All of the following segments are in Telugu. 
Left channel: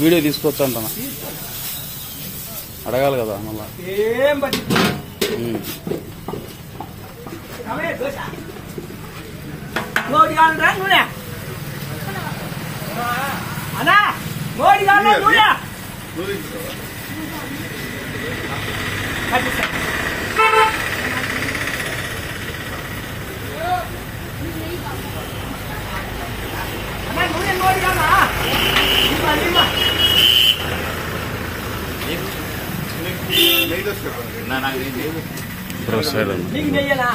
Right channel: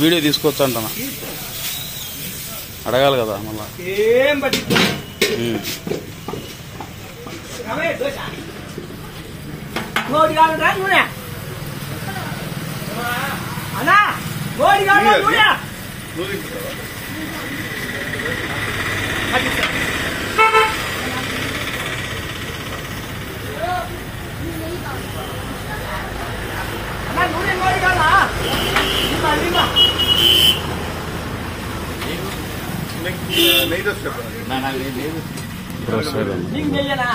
వీడియో తీసుకోవచ్చు అంటున్నా అడగాలి కదా మళ్ళా ఏం బట్టి మోడి కావాలంటే నూనె అన్నా మోడి కావాలంటే నూనె అన్నా నూనె మోడి కావాలా బ్రో సైడ్ నీకు నెయ్యనా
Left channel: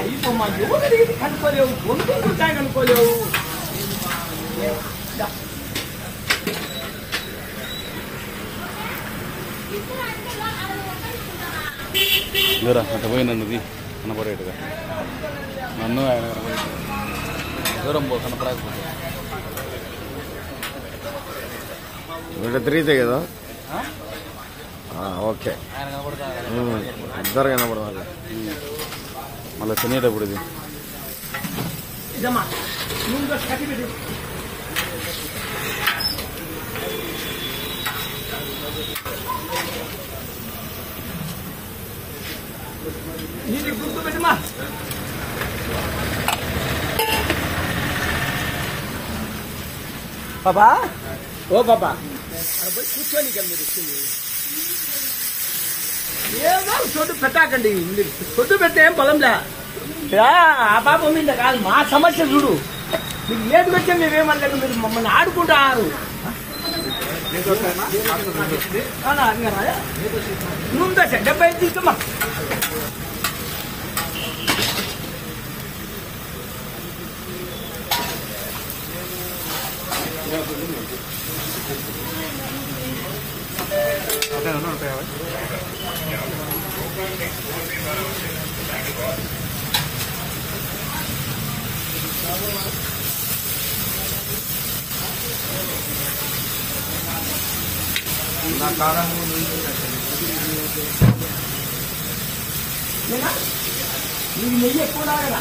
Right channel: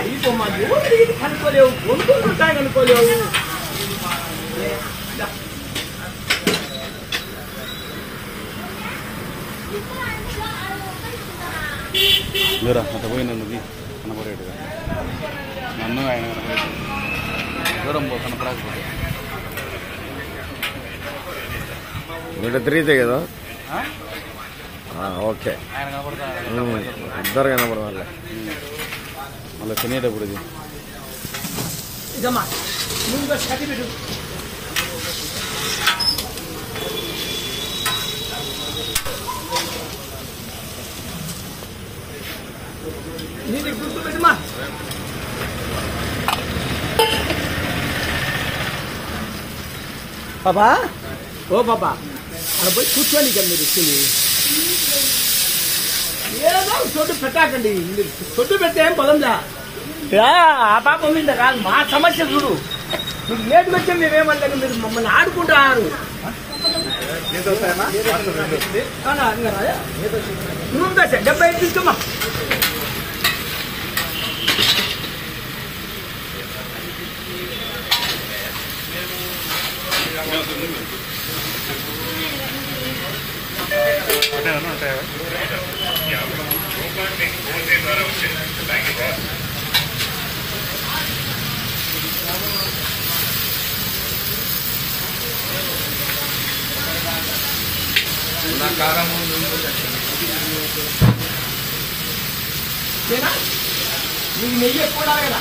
అయిపోమ్మా ఎవరు ఇది కనుక్కోలేవు కొనుక్కుంటాయి కనుక్కోలేవు మీరా అట్ట పోయినందుకు కనపడేట్టుగా నన్ను ఆయన కనపడే దూరం పో కనపడకపోతే వీళ్ళు తిరిగితే కదా ఓకే ఆయన కనపడతా ఇద్దరు కనపడవాలి మళ్ళీ తినేటప్పుడు ఇది ఇదమ్మా ముందు కట్టి పెట్టు నీకు గుర్తు పెట్టమా బాబా ఓ బాబా అక్కడ పోయి కూర్చోని కదా మీరు ఇచ్చింది ఏదో చోటు పెట్టాకండి మీరు చోటు పెడితే ఏం పొలంలే ఆ పాపం మీద కాదు మా సమస్య చూడు మీకు లేటుకు వచ్చే మేమేమంటారు మీరు మమ్మల్ని ఆడుకుంటున్నారు నూనె 75 తీసుకోమా నీకు నెయ్యి ఎక్కువ కదా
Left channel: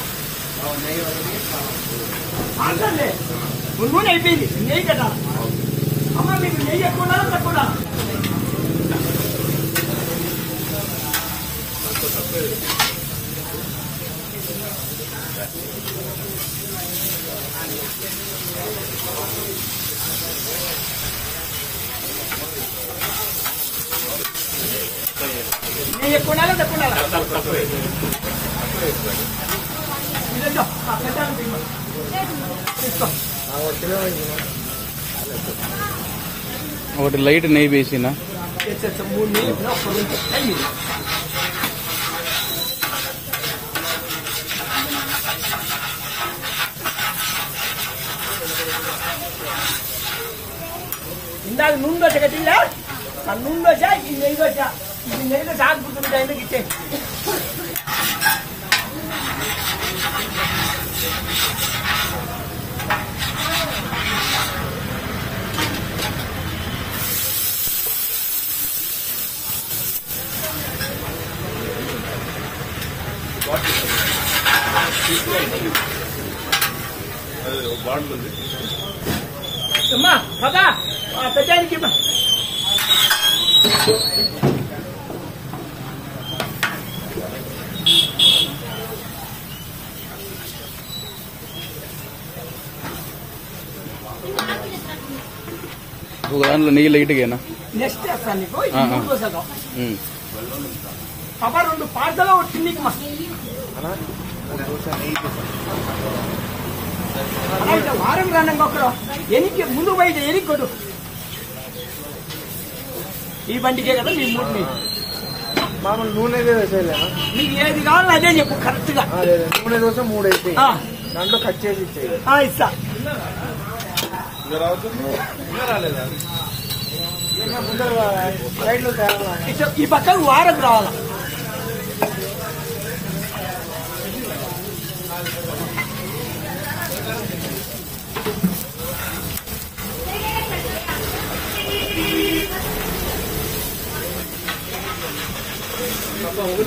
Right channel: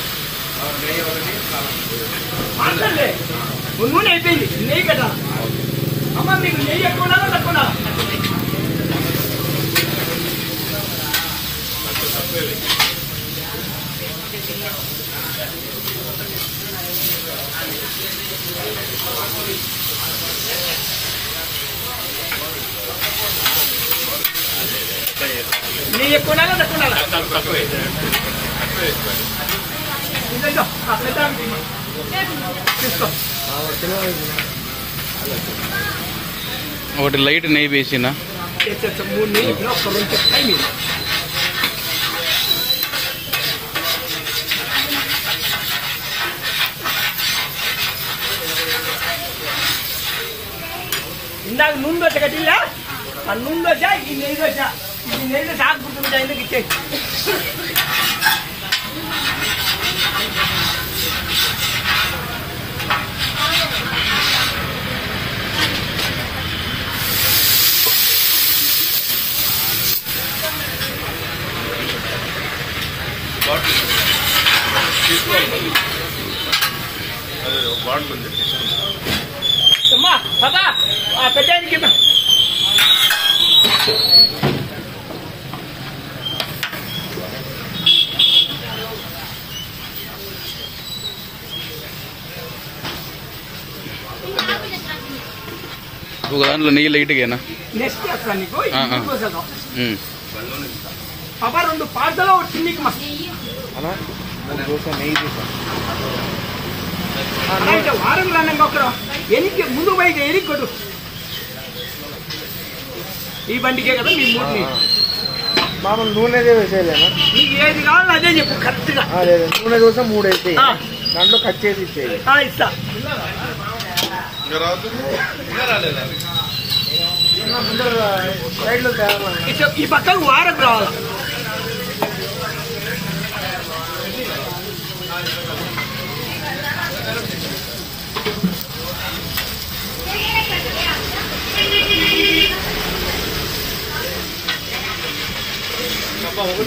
నూనె అయిపోయింది నెయ్యి కదా అమ్మ మీకు నెయ్యి ఎక్కువ తక్కువ నెయ్యి ఎక్కువ తక్కువ ఒకటి లైట్ నెయ్యి వేసినా ఇందాక నూనె దోశ కట్టిల్లా ఆ నూనె దోశ ఈ నెయ్యి దోశ ఆకుకుంటుంటాయి ఎందుకు ఇచ్చే అమ్మా బాబా పెట్టడానికి ఒక దాంట్లో నెయ్యి లైట్గా నెక్స్ట్ చేస్తాను నీకు పాపా 2 పార్సల్ వచ్చింది నీకు మా అలాగే వారం రాన్న మొక్కలు ఎనికి ముందు పోయి ఎనికి కొట్టు ఈ బండికే కదా మీ మూడుని మామూలు నూనె వేసేయాలి నీకు ఏది కావాలో అదే చెప్పు కరెక్ట్ గా నూనె దోశ 3 అయితే దాంట్లో కట్ చేసి ఇచ్చేది ఇస్తా ఈ పక్కకు వాడకు రావాలా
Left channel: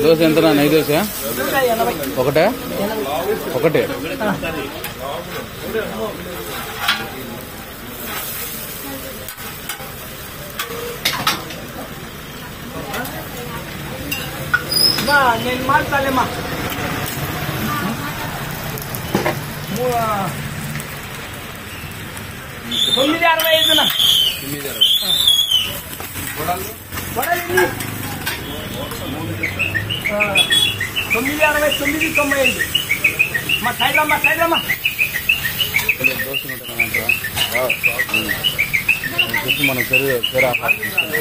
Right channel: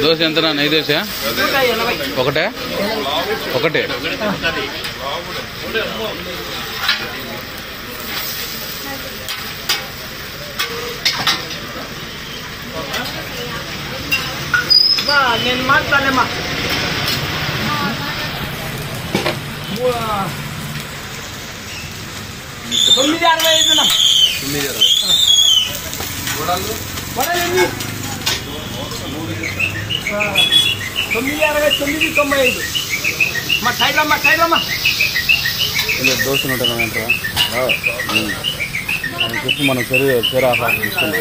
దోశ ఎంతనా? నెయ్యి దోశ ఒకటే ఒకటే. నేను మాట్లాడలేమ్మా 9.65 వడలు ఎన్ని 9.69 95 మా సైడ్లమ్మా దోశ ఉంటారా చెప్పి మనం చెరు ఆఫర్ తీసుకున్నాం.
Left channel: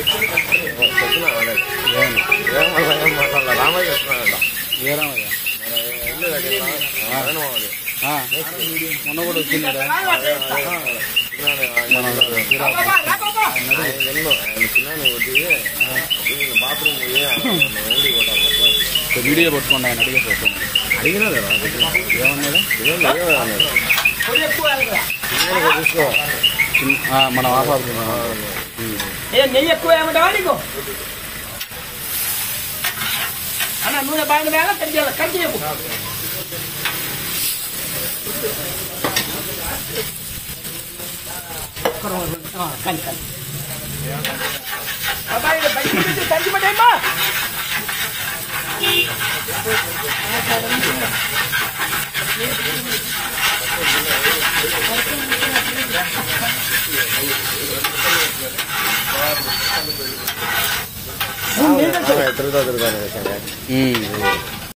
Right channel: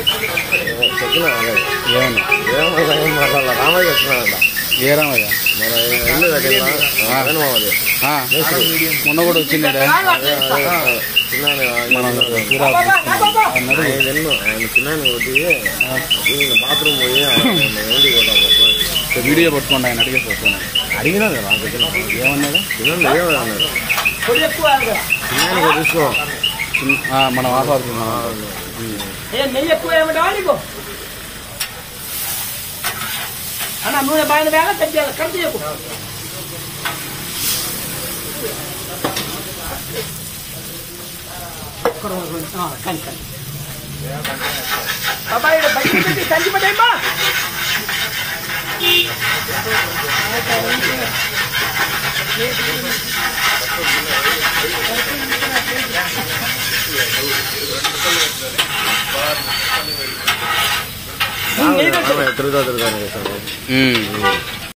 రామయ్య చెప్తున్నాడు. ఏ రామయ్య? మొన్న కూడా వచ్చిందా మనం బాత్రూమ్ వీడియో పట్టుకోండి. ఆయన అడిగేసి వస్తాను. అడిగినాం కదా ఏమన్నాడు? చూసుకో మనం ఆఫాడుతున్నాం. నెయ్యి ఎక్కువ ఏమంటావా నీకు అన్న? నూనె బాగా వేళ కరిచేయాలి. కరిచేయకు కానీ అబ్బాయి బయట కంచి పట్టేమ్మా. తిరుగుతా